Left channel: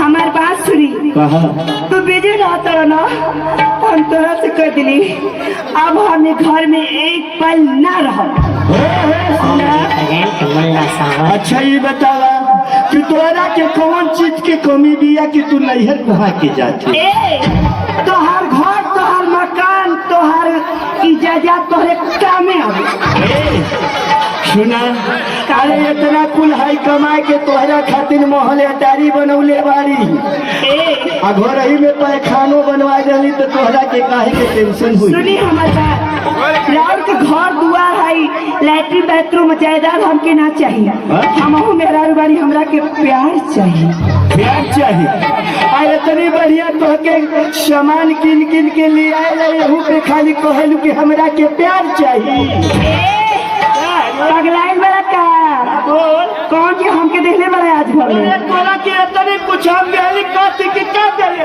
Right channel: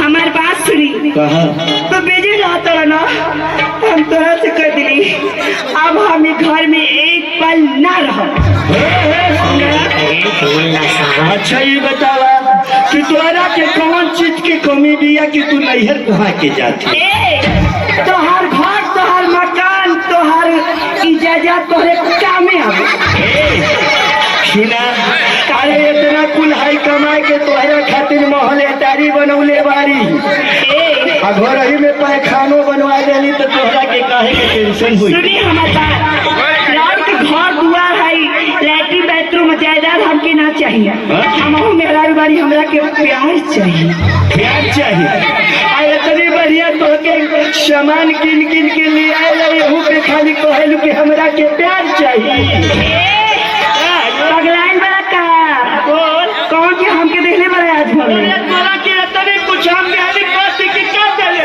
हमार बात सुनी तो बिजी रहता ना हम तोरा से कह दिली अब हमें घर में एक पल ना रहो। अच्छा ये बता कि तोरा के कौन चीज की कमी दिया कि तू नैहर कहाँ के जाती? तोहर घर तोहर मकान तोहर इजाजत तोहरे कामे आवे। सुना काले इतना कुल हाई कमाए के तोहरा खातिर मोहल्ले दारी बनौले बारी घर ही में पैखानो बनवा देली तो तोहरा के काहे के टेंशन हुई? सुनी हमार बात यार के घर दुआर है लैट्रिन बाथरूम जायदाद हमके ना चाहिए। हमहू मेहरारू बारी हमरा के प्यार चाहिए। प्यार चाहिए और इतनी बढ़िया तोहके सामान किन किन के लिए आए पे खाली कहलू कि हमरा के प्यार चाहिए। पगलाइन बड़ा का कौन के हमके देखले बड़ा आज भर तोरा के इतनी कुछ हम देली पार्टी की क्या देले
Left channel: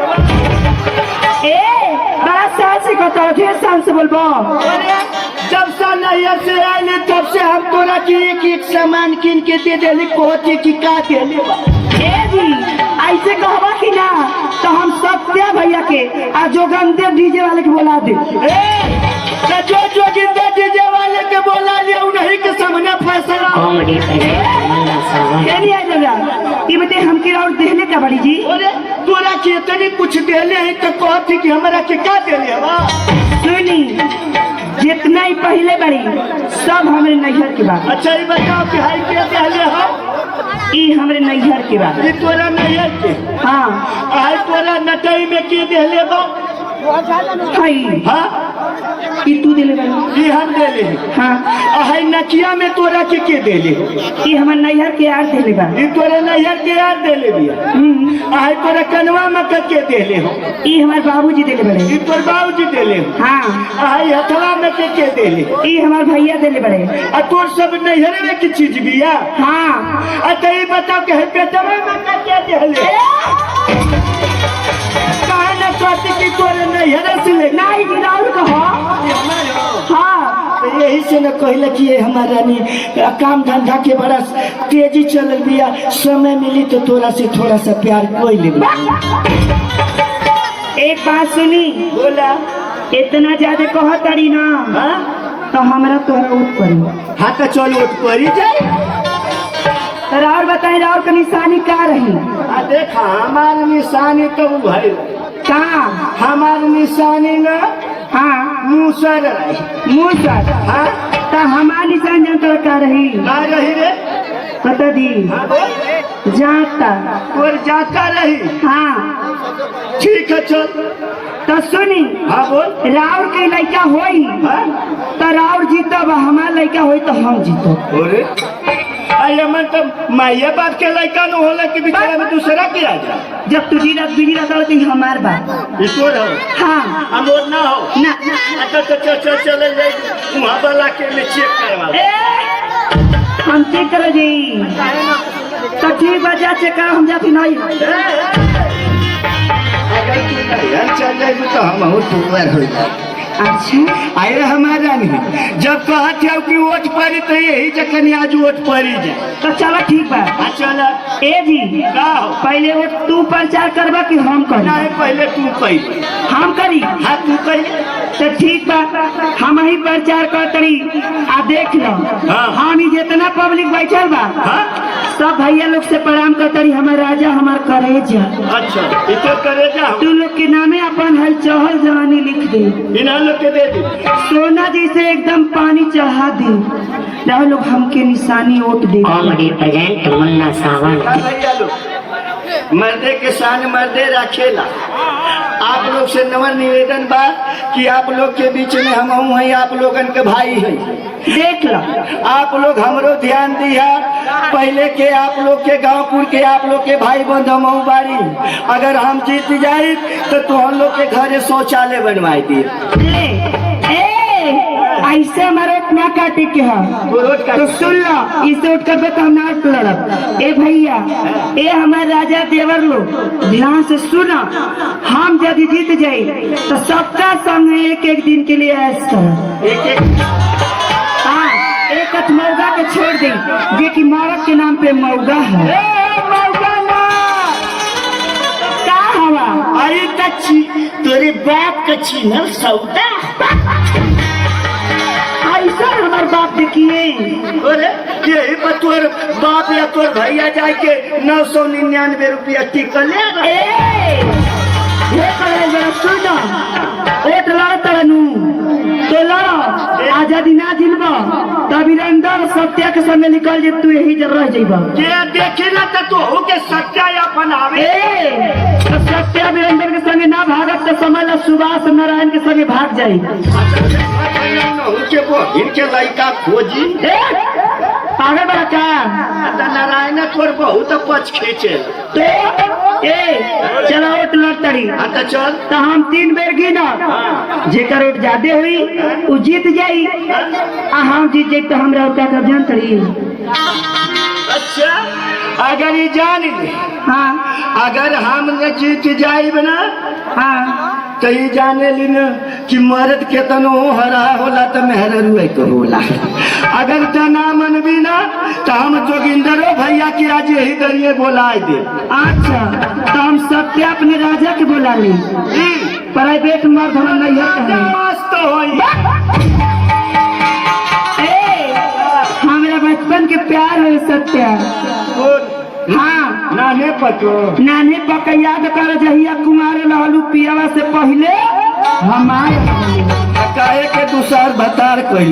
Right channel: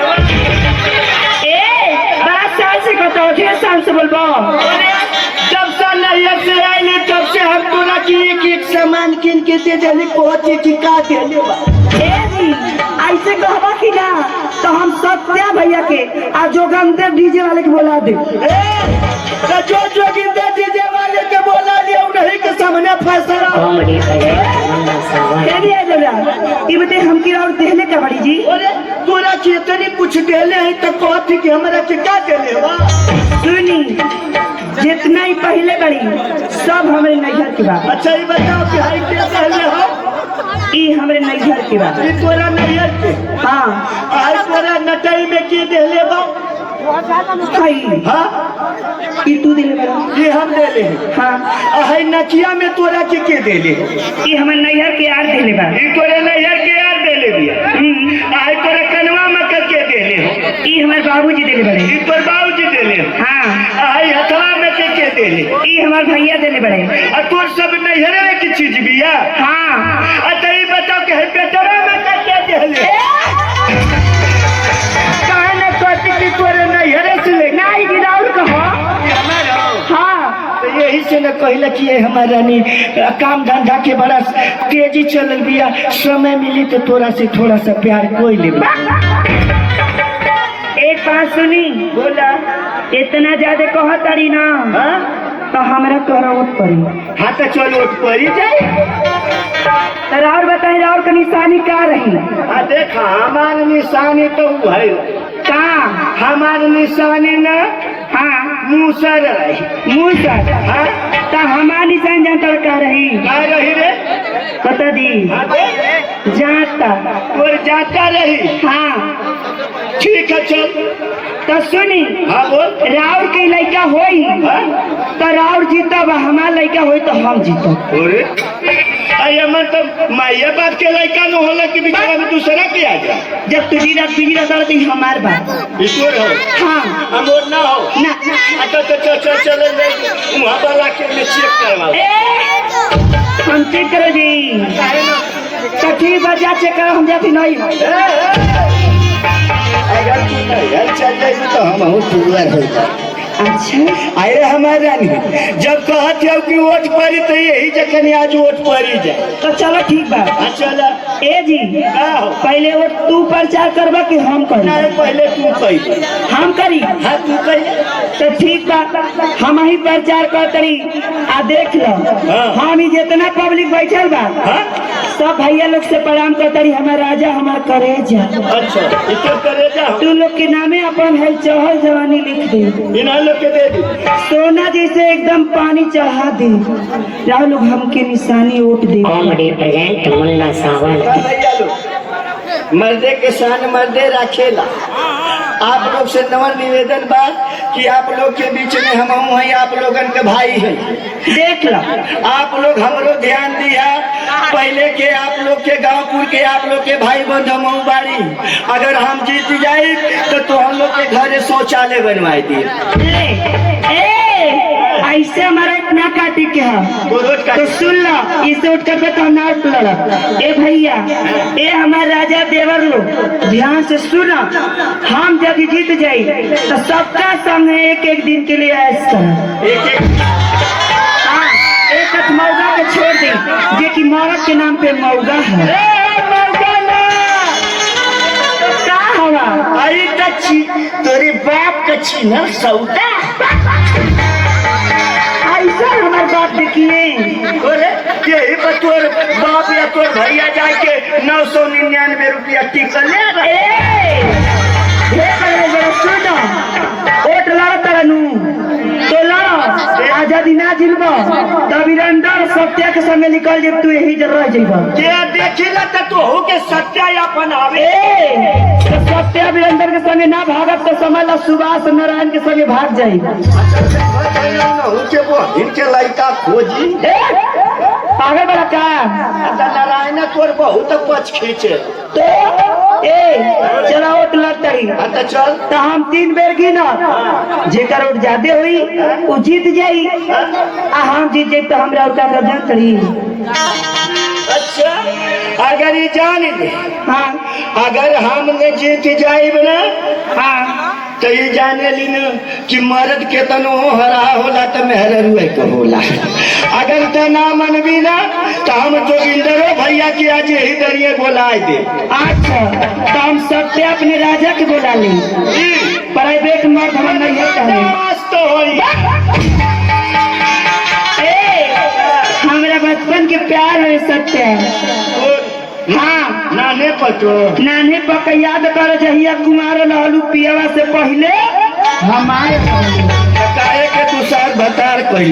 बड़ा साल से कहता ढेर साल से बोलबो। जब से नैहर से आइली तब से हम तोरा के एक सामान किन के दे देली कोची की का देले जी ऐसे कहबा कि ना तो हम सत्या भैया के आ जोगंदर डीजे वाले के बोला दे। जो जोगिंदर डीजे वाले के बोला दे उन्हीं के सामने फैसला ये बते हमके और देने का बड़ी जी तोरा के इतनी कुछ देले है तो कहती कि हमरा के का देले बा? सुनी जितना ही पहले बड़ी सब हमारे नैहर के बात। अच्छा ये बताओ कि हाई पे पहले हो ये हमारे नैहर के बात। ये तोरा नैहर के हाँ आई तोरा नटई में की देले बा? हाँ ये तू दिले बड़ा ये हम देले हाँ हाई नकिया में तोरा के देले ये हमारे नैहर के यार दिले बा। ये तोरा नैहर के यार देले बिया आई तोरा कनवा में के देले हो ये हमारे बाबूजी दिले बड़े। ये तोर बाबूजी देले हाँ आई हथवा में के देले ये हमारे भैया दिले बड़े। आ तोर सब नैहर में की चीज बिया? हाँ अच्छा ये बताओ कि पेटवा में के देले काहे न सोची कि तोरे नैहर से ले नहीं गिराउर कहो। हाँ यही से न कहले कि हमारा ने काम धंधा के बड़ा तेजी चल बिया समय मिली तो तोरा से थोड़ा सा प्यार कोई ले। एक बात सुनी बोला इतना ज्यादा कह तड़ी ना तो हमरा तोरा उठ पड़ी। हाँ तो चल उठ पड़ी जाए और बताए और का निशानी का रही? हाँ देखा हमार निशानी तो भाई का हमार निशानी न हाँ मूसर मूसर हाँ तो हमार निशान जानता का रही? का रही रे पता दी जाता और जाता रही। हाँ ठीक है चल तो सुनी हाँ बोल राउर के लड़का होई तो राउर जीतब हमार लड़का होई तो हम जीतब। अरे अरे मन तो माया बात के लड़का न होला कि बिचारा में दूसरा के आ जाए। जब तू बिजी रहता तो हमार बात ईश्वर हो हाँ हमोर ना हो ना अच्छा तो चल वहाँ वाला के में चेक करवा हम चेक कर जी तो ठीक बा जा चेक करो हम जाती नहीं अगर चल जाए तो हम हो टूवर हो जाए। अच्छा अरे हमारा नहीं जब कहते हो कि वोट पड़ी तो यही जखन आज वोट पड़ी जाए तो चलो ठीक बा चला ए जी पहले वो तू प्रचार करबा कि हम करी? पहले तू कही हम करी हाँ तू कही तो ठीक बा हम ही प्रचार कर तरी आ देख लो हम ही जितना पब्लिक बैठल बा सब भैया लोग से प्रणाम कर तरी हमार राजा हमार करेजा। अच्छा इतना करेजा तू लोग के नामे अपन है चहल जवानी लिख दे इन लोग के दे दी सोना जैसे एकदम पानी चढ़ा दे राव लोग हमके निशानी वोट दे। मर्दे के शान मर्दे रखेला। आप लोग से नवर निवेदन बा कि आप लोग के बीच में हम हैं आप लोगन के भाई हैं देख लो आप लोग हमरो ध्यान दिया पहले के आप लोग के गांवपुर के आप लोग के भाई बंधु मऊ बाड़ी अगर हम जीत जाए तो हम लोग के घर शौचालय बनवाई दिए। ऐसे हमारा इतना काटे के है तो सुन लो इसे उठ कर तो हम ना उठ लड़। ए भैया ए हमारे राजा देवर लोग ध्यान से सुनो हम जब जीत जाए तो सबका सामने एक एक दिन के लिए ऐश करें। हाँ एक मौगा को छोड़ दे जो कि मौत के नाम पे मौगा है। छी तोरे बाप के छी ना सौदा। ऐसा हमारे बाप देखिए अरे यही पर तोर बाप या तोर भैया जाए के 999 रुपया टिकल ले सुनो ओट ला तरनू तोला आजादी ना जिलबा तभी अंदर सत्या के संगे निकल जे तू यही जगह रह जाइबा के देखिला त तो हो के सच्चा अपन आवे। तो सत्या वीरेंद्र के संगे ना भागत तो समझ लो सुभाष नारायण के संगे भाग जाई। उनके वो इनके लड़का खोजी पागल बड़ा क्या नारायण तोर बहुत पछ खींचे तो चला ओट लग तरी तो चल तो हम 3 बेर गिना जेकर ओट ज्यादा हुई वो जीत जाई आ हम जीत जाई तो हमरा ओटा कर जान तरी। अच्छा अगर ये जान ले हाँ अगर हम ने जीत जाइब ना हाँ तो ये जाने ली न कि मर्द के तनो हरा होला तो मेहररुए को होला। अगर तो ना मनबी ना तो हम जोगिंदरो भैया की आज यही दरिये बोलाए दे। अच्छा तो हम सत्य अपने राजा के बोला ली प्राइवेट मर्द हम नहीं है तो होई हमारा बचपन के प्यार है सत्य। हाँ नाने पतो नाने पक याद कर जहिया कुमार लहलू पियावा से पहले हमारे काहे के दूसर भतार कहली।